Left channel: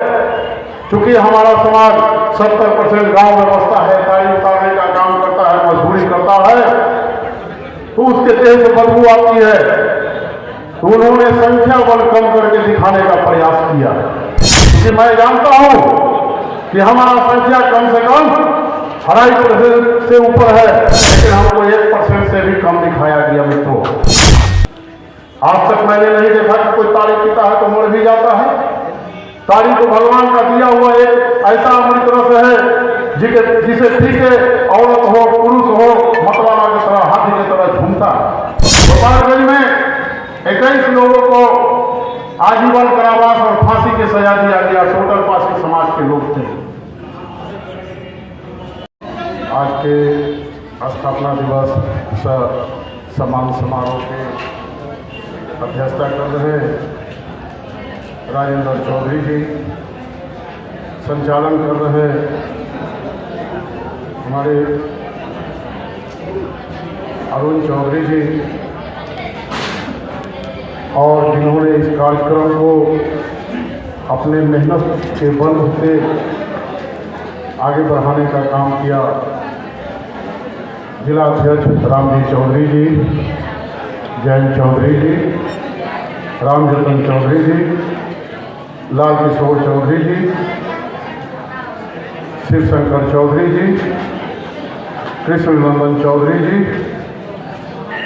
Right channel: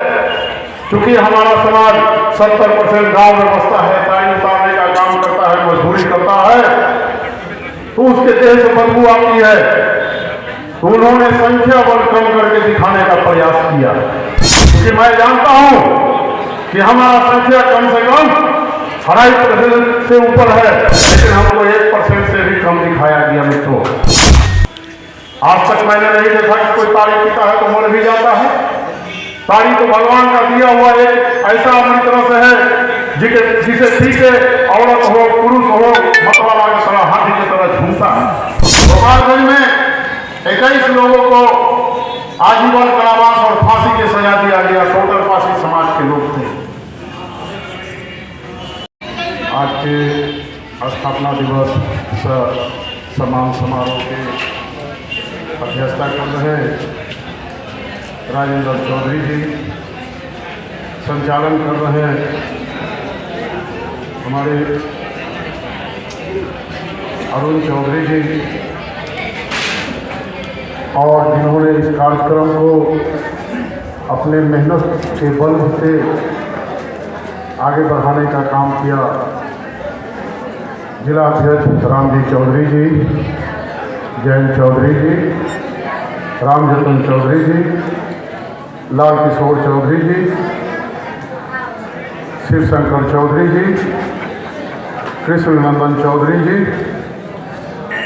चूंकि हमारा समाज 70% गांव में बसता है, तारी उतारने का काम करता है, मजदूरी करता है, तो उसके देह से बदबू आती है। तो उन्होंने संख्या बल कम करके दिखाने का प्रयास किया, क्योंकि मैं जानता हूं कि हमारा संख्या कम से कम 2.5% से ऊपर है, लेकिन हमको 1% से भी कम दिखाया गया। मित्रों, आज तक मैंने नहीं देखा कि कोई तारी पीता है तो मर भी जाता है। तारी तो भगवान का दिया हुआ एक ऐसा अमृत रस है जिसे ठीक है औरत हो पुरुष हो मतवाला की तरह हाथी की तरह झूमता है। गोपालगंज में 21 लोगों को आजीवन कारावास और फांसी की सजा दिया गया। टोटल पासी समाज के लोग थे। आज के स्थापना दिवस सम्मान समारोह के अध्यक्षता कर रहे राजेंद्र चौधरी जी, संचालन कर रहे हमारे अरुण चौधरी जी, और जिन्होंने इस कार्यक्रम को अपने मेहनत के बल से आगे बढ़ाने का काम किया, जिला अध्यक्ष रामजी चौधरी जी, जयंत चौधरी जी, रामजतन चौधरी जी, लाल किशोर चौधरी जी, शिव शंकर चौधरी जी, कृष्ण नंदन चौधरी जी।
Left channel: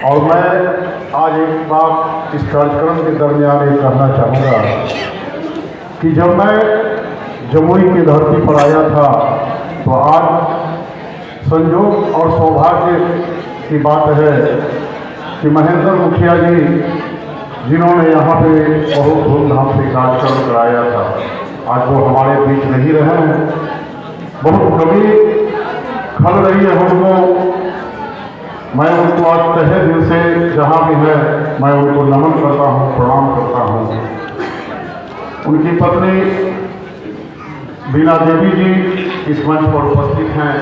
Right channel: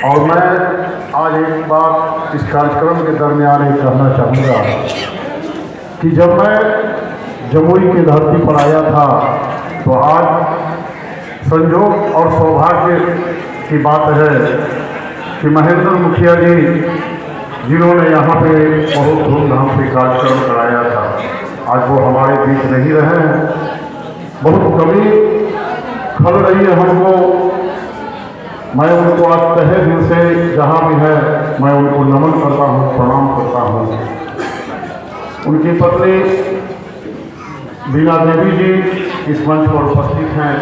और मैं आज एक बात इस कार्यक्रम के दरमियान ये कहना चाहूँगा कि जब मैं जमुई की धरती पर आया था तो आज संयोग और सौभाग्य की बात है कि महेंद्र मुखिया जी, जिन्होंने यहाँ पे बहुत धूमधाम से कार्यक्रम कराया था, आज वो हमारे बीच नहीं रहे हैं। बहुत कमी खल रही है हमको। मैं उनको आज तहे दिल से जहाँ भी है मैं उनको नमन करता हूँ, प्रणाम करता हूँ। उनकी पत्नी बीना देवी जी इस मंच पर उपस्थित हैं,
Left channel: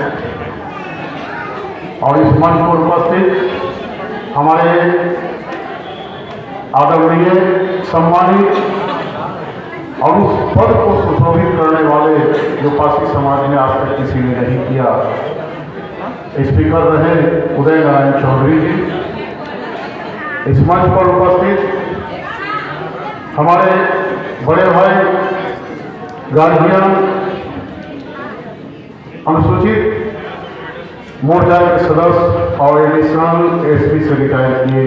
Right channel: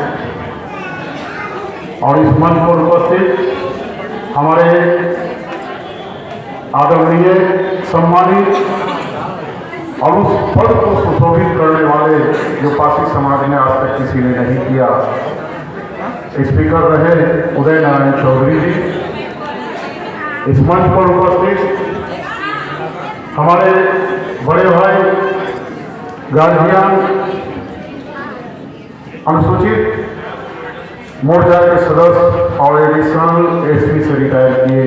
और इस मंच पर उपस्थित हमारे आदरणीय सम्मानित और उस पद को सुशोभित करने वाले जो पासी समाज ने आज तक किसी ने नहीं किया, स्पीकर रहे उदय नारायण चौधरी जी। इस मंच पर उपस्थित हमारे बड़े भाई गार्जियन, अनुसूचित मोर्चा के सदस्य और एडिशनल एसपी से रिटायर किए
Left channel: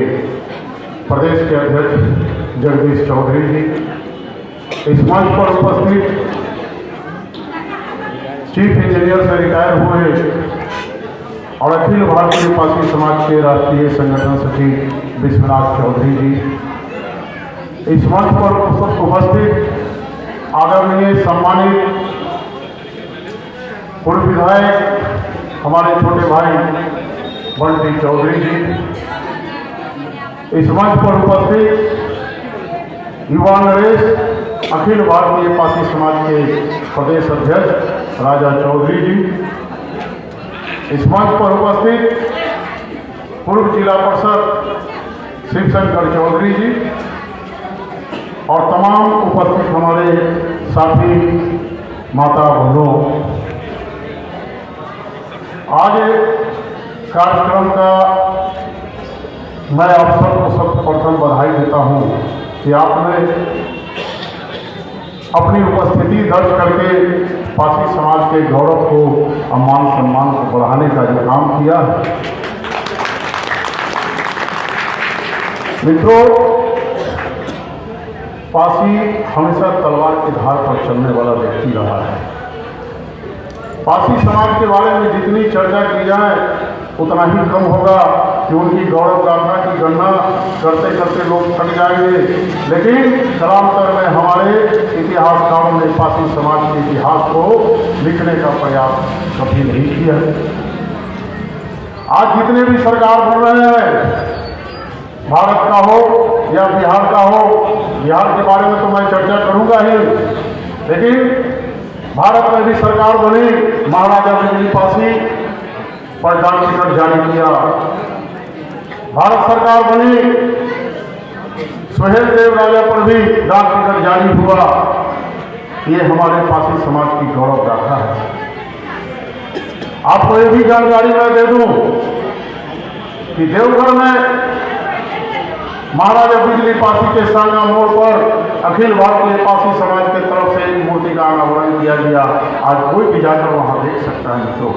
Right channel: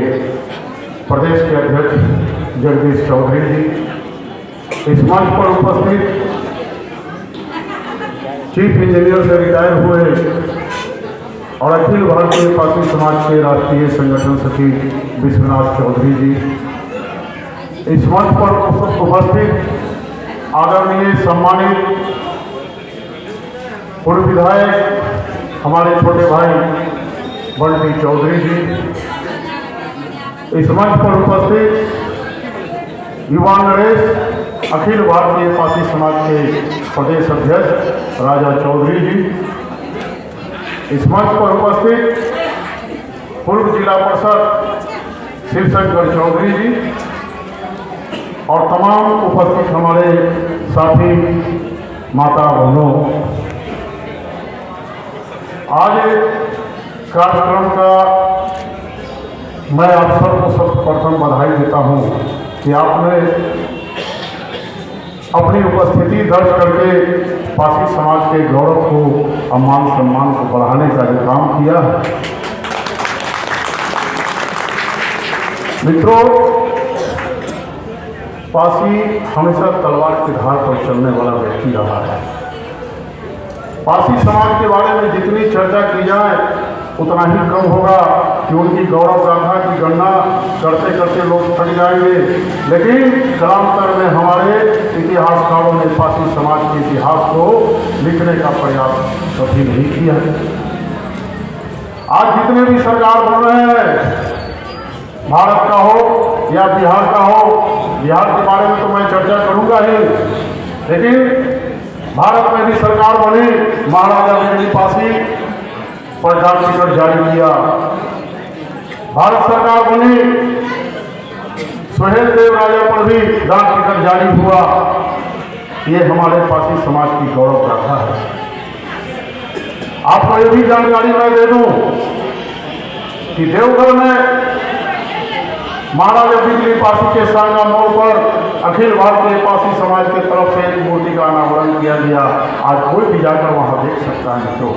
प्रदेश के अध्यक्ष जगदीश चौधरी जी। इस मंच पर उपस्थित चीफ इंजीनियर से रिटायर हुए और अखिल भारतीय पासी समाज के राष्ट्रीय संगठन सचिव विश्वनाथ चौधरी जी। इस मंच पर उपस्थित आदरणीय सम्मानित पूर्व विधायक हमारे छोटे भाई बंटी चौधरी जी। इस मंच पर उपस्थित युवा नरेश अखिल भारतीय पासी समाज के प्रदेश अध्यक्ष राजा चौधरी जी। इस मंच पर उपस्थित पूर्व जिला परिषद शिवशंकर चौधरी जी और तमाम उपस्थित हमारे साथी माता बहनों, आज कार्यक्रम का मैं आप सबको सर्वप्रथम बधाई देता हूं कि आपने अपनी उपस्थिति दर्ज करके पासी समाज के गौरव को, सम्मान को बढ़ाने का जो काम किया है। मित्रों, पासी हमेशा तलवार की धार पर चलने वाला व्यक्ति रहा है। पासी समाज के बारे में जितनी चर्चा की जाए उतना ही कम होगा कि उनकी गौरव गाथा की गणना करते करते लोग थक जाएंगे। लेकिन कालांतर में हमारे इतिहासकारों ने पासी समाज के इतिहास को लिखने का प्रयास कभी नहीं किया। आज जितने भी सरकार बन रहे हैं, भारत का हो या बिहार का हो, बिहार के बारे में तो मैं चर्चा करूंगा ही, लेकिन भारत में भी सरकार बनी, महाराजा बिजली पासी पर डाक टिकट जारी किया। भारत सरकार बनी, सुहेल देव राजा पर भी डाक टिकट जारी हुआ। ये हमारे पासी समाज की गौरव गाथा है। आपको ये भी जानकारी मैं दे दूं कि देवघर में महाराजा बिजली पासी के सांगा मोड़ पर अखिल भारतीय पासी समाज की तरफ से एक मूर्ति का अनावरण किया गया। आज कोई भी जाकर वहां देख सकता है मित्रों।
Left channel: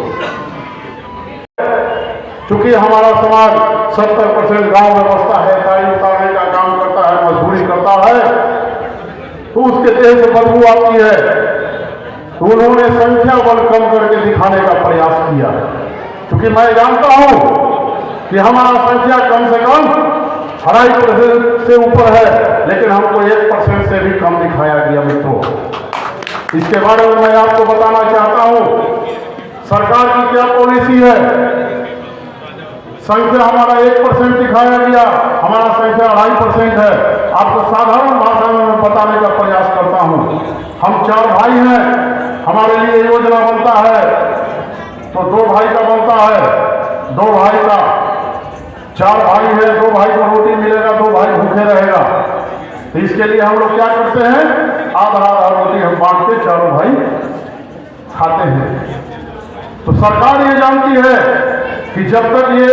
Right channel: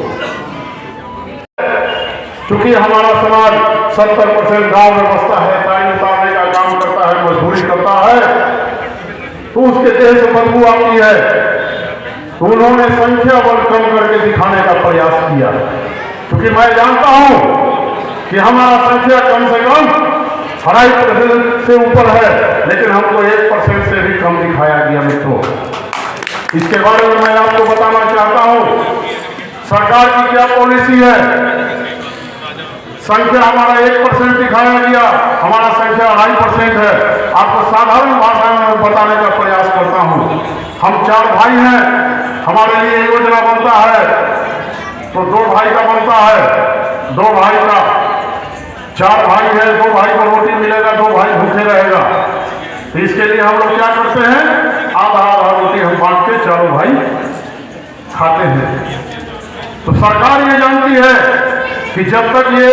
चूंकि हमारा समाज 70% गांव में बसता है, गाड़ी उतारने का काम करता है, मजदूरी करता है, तो उसके देह से बदबू आती है। तो उन्होंने संख्या बल कम करके दिखाने का प्रयास किया। क्योंकि मैं जानता हूं कि हमारा संख्या कम से कम 2.5% से ऊपर है, लेकिन हमको 1% से भी कम दिखाया गया मित्रों। इसके बारे में मैं आपको बताना चाहता हूं सरकार की क्या पॉलिसी है। संख्या हमारा 1% दिखाया गया, हमारा संख्या 2.5% है। आपको साधारण भाषा में बताने का प्रयास करता हूं। हम 4 भाई हैं, हमारे लिए योजना बनता है तो 2 भाई का बनता है, 2 भाई का 4 भाई है, 2 भाई को रोटी मिलेगा, 2 भाई भूखे रहेगा। तो इसके लिए हम लोग क्या करते हैं, आधा आधा रोटी हम बांट के 4 भाई खाते हैं। तो सरकार ये जानती है कि जब तक ये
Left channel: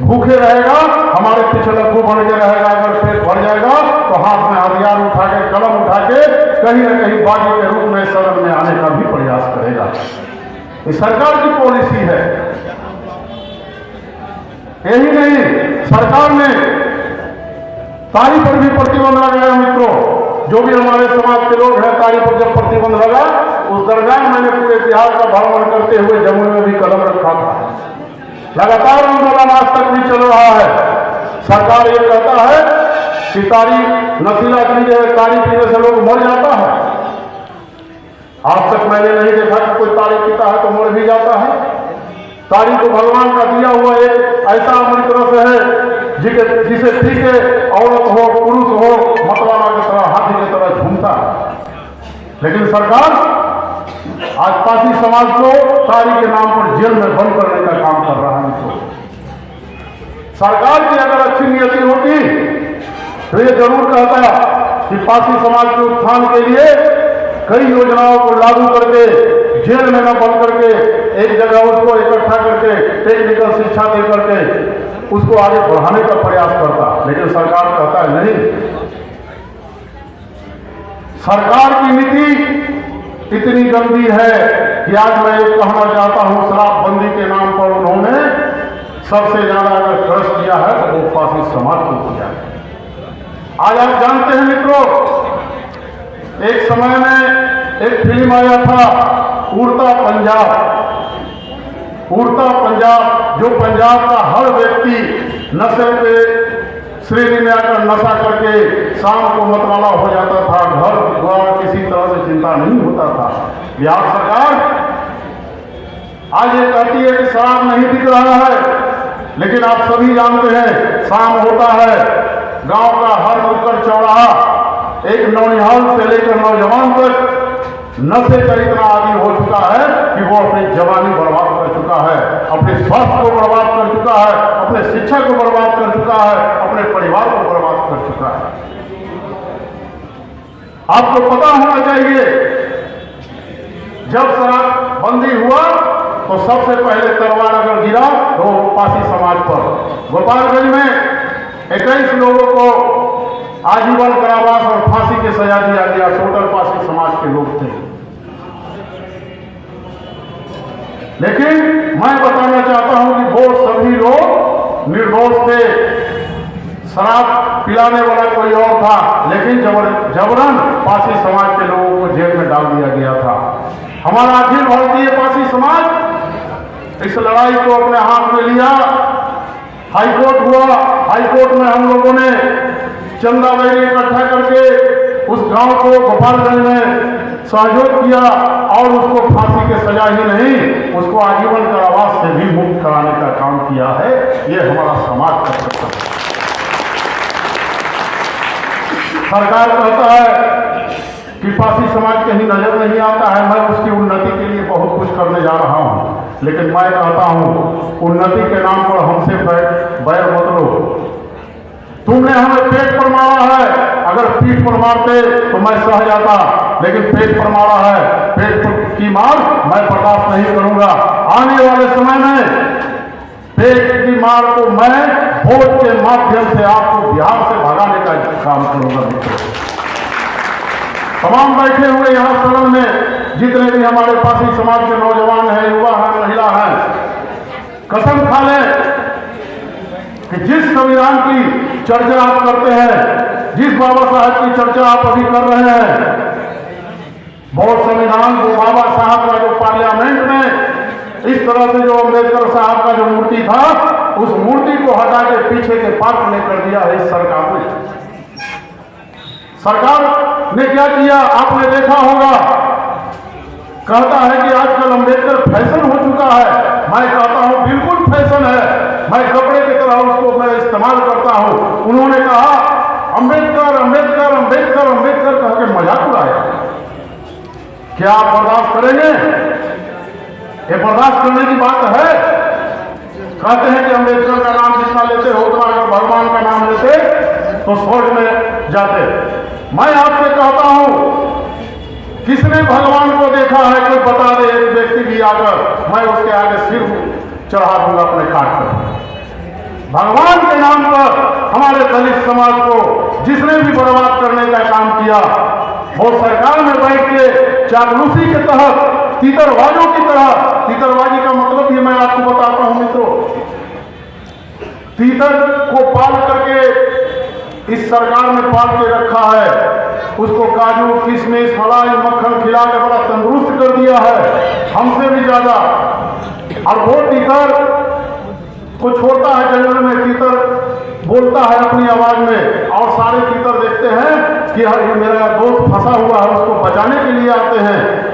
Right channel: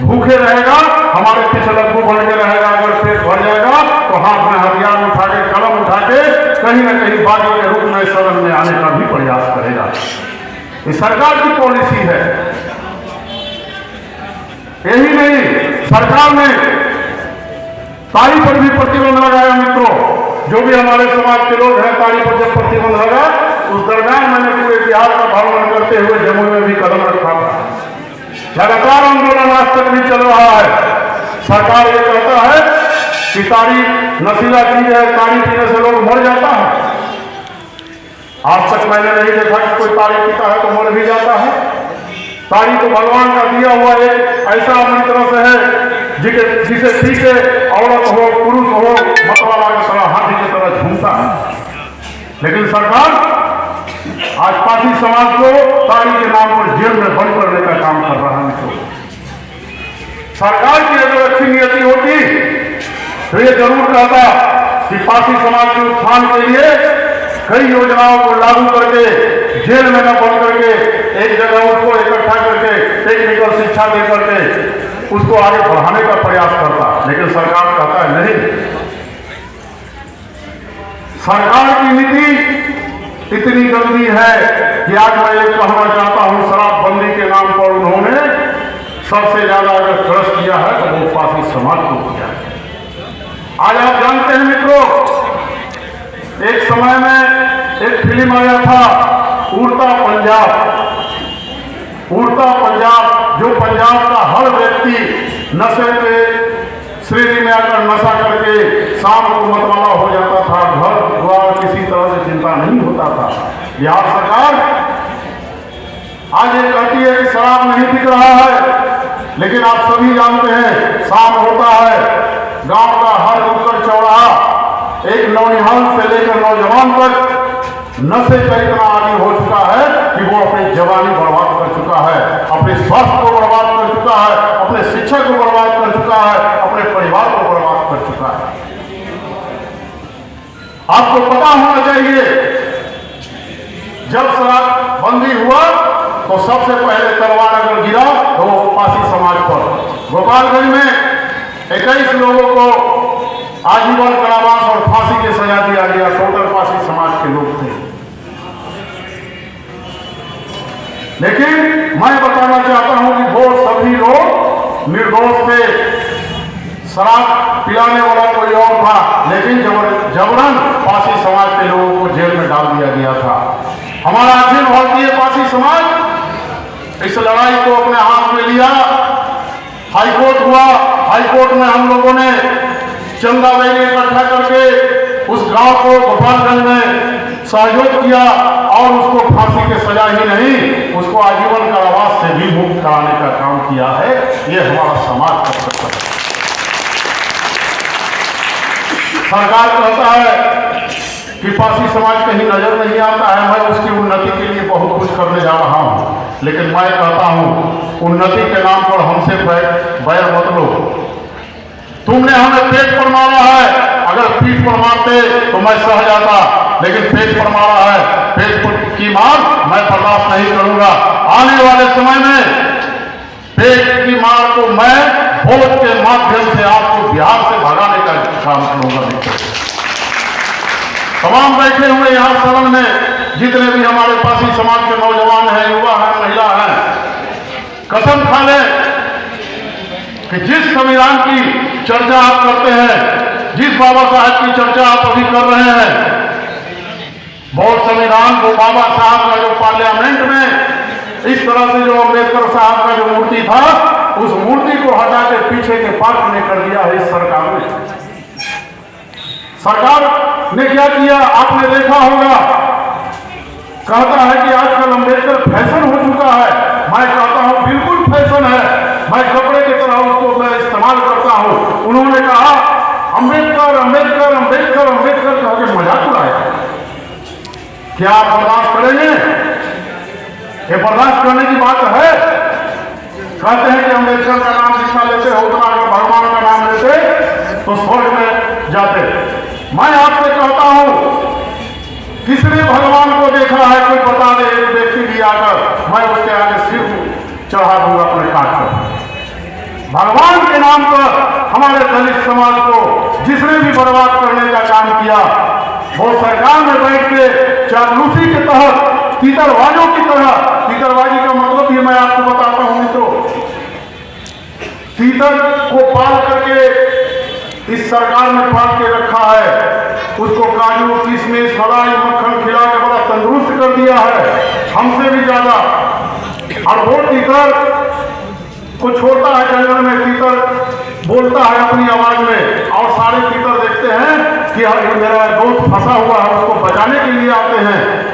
भूखे रहेगा, हमारे पीछे लड्डू बन के रहेगा, अगर पेट भर जाएगा तो हाथ में हथियार उठा के, कलम उठा के कहीं न कहीं बागी के रूप में सदन में आने का भी प्रयास करेगा। ये सरकार की पॉलिसी है। यही नहीं, सरकार ने ताड़ी पर भी प्रतिबंध लगाया मित्रों। जो भी हमारे समाज के लोग हैं, ताड़ी पर जब प्रतिबंध लगा, उस दरमियान मैंने पूरे बिहार का भ्रमण करते हुए जमुई में भी कदम रखा था। लगातार आंदोलन आज तक भी चल रहा है। सरकार ये कहता है कि ताड़ी नशीला चीज है, ताड़ी पीने से लोग मर जाता है। आज तक मैंने नहीं देखा कि कोई ताड़ी पीता है तो मर भी जाता है। ताड़ी तो भगवान का दिया हुआ एक ऐसा मंत्र से है जिसे पी के औरत हो, पुरुष हो, मतवाला की तरह, हाथी की तरह झूमता है। लेकिन सरकार आज पासी समाज को ताड़ी के नाम पर जेल में बंद करने का काम कर रहा है। तो सरकार की अगर अच्छी नीयति होती तो ये जरूर कहता कि पासी समाज के उत्थान के लिए कई योजनाओं को लागू करके, जेल में न बंद करके, एक जगह उसको इकट्ठा करके टेक्निकल शिक्षा दे करके उसको आगे बढ़ाने का प्रयास करता। लेकिन सरकार कहता है नहीं। सरकार की नीति इतनी गंदी है कि आज मैं ये कहना चाहता हूं, शराबबंदी के नाम पर उन्होंने सबसे ज्यादा अगर खर्च किया है तो वो पासी समाज को किया है। आज आप जानते हैं मित्रों, एक समय में एक फिल्म आया था उड़ता पंजाब। उड़ता पंजाब, जो पंजाब का हर व्यक्ति नशे के श्रेणी में आकर नशा करके शाम को मतवाला हो जाता था, घर द्वार किसी तरह से चिंता नहीं होता था। बिहार सरकार आज ये कहती है कि शराब नहीं बिक रहा है, लेकिन आप सभी जानते हैं शाम होता है, गांव का हर नुक्कड़ चौराहा, एक नौनिहाल से लेकर नौजवान तक नशे का इतना आदी हो चुका है कि वो अपनी जवानी बर्बाद कर चुका है, अपने स्वास्थ्य को बर्बाद कर चुका है, अपने शिक्षा को बर्बाद कर चुका है, अपने परिवार को बर्बाद कर चुका है। आपको पता होना चाहिए, जब शराबबंदी हुआ तो सबसे पहले तलवार अगर गिरा तो पासी समाज पर। गोपालगंज में 21 लोगों को आजीवन कारावास और फांसी की सजा दिया गया। टोटल पासी समाज के लोग थे। लेकिन मैं बताना चाहता हूं कि वो सभी लोग निर्दोष थे। शराब पिलाने वाला कोई और था, लेकिन जबरन पासी समाज के लोगों को जेल में डाल दिया गया था। हमारा अखिल भारतीय पासी समाज इस लड़ाई को अपने हाथ में लिया। हाईकोर्ट हुआ, हाईकोर्ट में हम लोगों ने चंदा वैली इकट्ठा करके उस गांव को गोपालगंज में सहयोग किया और उसको फांसी की सजा ही नहीं, उसको आजीवन कारावास से भी मुक्त कराने का काम किया है। ये हमारा समाज कर सकता है। सरकार कहता है कि पासी समाज कहीं नजर नहीं आता है, मैं उसकी उन्नति के लिए बहुत कुछ करने जा रहा हूं। लेकिन मैं कहता हूं उन्नति के नाम पर हमसे बैर मत लो। तुमने हमें पेट पर मारा है, अगर पीठ पर मारते तो मैं सह जाता। लेकिन पेट पर मारा है, पेट की मार मैं बर्दाश्त नहीं करूंगा। आने वाले समय में पेट की मार को मैं वोट के माध्यम से आपको बिहार से भगाने का काम करूंगा। तमाम बैठे हुए यहां सदन में जितने भी हमारे पासी समाज के नौजवान हैं, युवा हैं, महिला हैं, कसम खा लें कि जिस संविधान की चर्चा आप करते हैं, जिस बाबा साहब की चर्चा आप अभी कर रहे हैं, बहुत संविधान वो बाबा साहब का जो पार्लियामेंट में इस तरह से जो अम्बेडकर साहब का जो मूर्ति था, उस मूर्ति को हटा के पीछे के पार्क में कर दिया है इस सरकार ने। सरकार ने क्या किया आपने देखा होगा, कहता है कि आजकल अम्बेडकर फैशन हो चुका है। मैं कहता हूं बिल्कुल फैशन है, मैं कपड़े की तरह उसको मैं इस्तेमाल करता हूं। उन्होंने कहा अम्बेडकर अम्बेडकर अम्बेडकर अम्बेडकर कह के मजाक उड़ाया। क्या आप बर्दाश्त करेंगे? ये बर्दाश्त करने की बात है? कहते हैं कि अम्बेडकर का नाम जितना लेते हो उतना अगर भगवान का नाम लेते तो स्वर्ग में जाते। मैं आपसे कहता हूं, किसने भगवान को देखा है? कोई बता दे एक व्यक्ति भी आकर, मैं उसके आगे सिर चढ़ा दूंगा अपने काट पर। भगवान के नाम पर हमारे दलित समाज को जिसने भी बर्बाद करने का काम किया, वो सरकार में बैठ के चापलूसी के तहत तीतरबाजों की तरह, तीतरबाजी का मतलब भी मैं आपको बताता हूं मित्रों, तीतर को पाल करके इस सरकार ने पाल के रखा है, उसको काजू किशमिश मलाई मक्खन खिला के बड़ा तंदुरुस्त कर दिया है, हमसे भी ज्यादा। और वो तीतर को छोड़ता है जंगल में, तीतर बोलता है अपनी आवाज में, और सारे तीतर देखते हैं कि मेरा दोस्त फंसा हुआ है, उसको बचाने के लिए आते हैं।